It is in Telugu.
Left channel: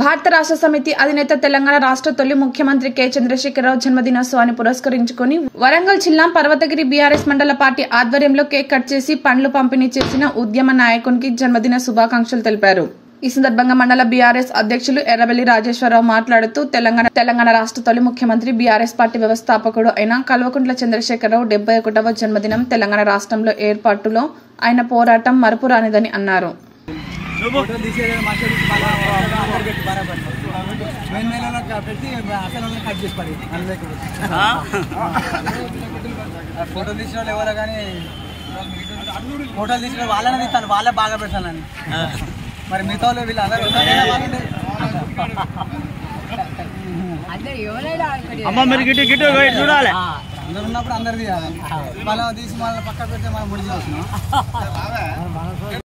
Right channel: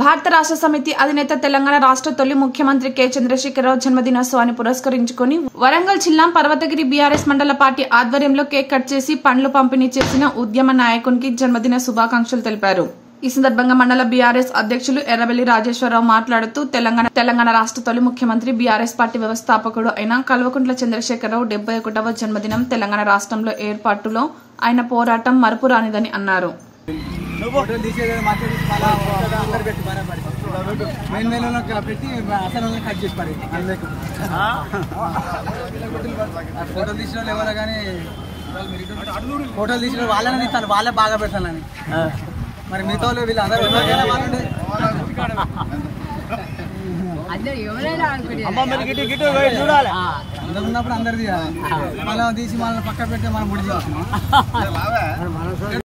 భారత రాష్ట్ర సమితి అధినేత తెలంగాణ రాష్ట్ర తొలి ముఖ్యమంత్రి కె చంద్రశేఖరరావు జన్మదినోత్సవాన్ని పురస్కరించుకుని వరంగల్ జిల్లా పర్వతగిరి బీఆర్ఎస్ మండల పార్టీ ఆధ్వర్యంలో కేక్ కట్ చేసి పండ్లు పంపిణీ చేసిన ఉద్యమ నాయకునికి జన్మదిన శుభాకాంక్షలు తెలిపారు. ఈ సందర్భంగా మండల బీఆర్ఎస్ అధ్యక్షులు ఎర్రబెల్లి రాజేశ్వరరావు మాట్లాడుతూ తెలంగాణ రాష్ట్ర తొలి ముఖ్యమంత్రి బీఆర్ఎస్ పార్టీ వ్యవస్థాపకుడు అయిన కల్వకుంట్ల చంద్రశేఖరరావు 71వ జన్మదినం తెలంగాణ రాష్ట్రంలో ఏర్పాటులో ఆయన పోరాటం మరపురానిదని అన్నారు. ఫోటోలు తీసిన వాళ్ళని తీస్తాను, వాళ్ళే బాగా పెడతానని. మరి మిగతా వీళ్ళు అందరూ అందరు ఉన్నప్పుడు అందరిది మళ్ళీ తీసి మళ్ళీ పక్క పెడితే మనం ముడి చేస్తున్నాం.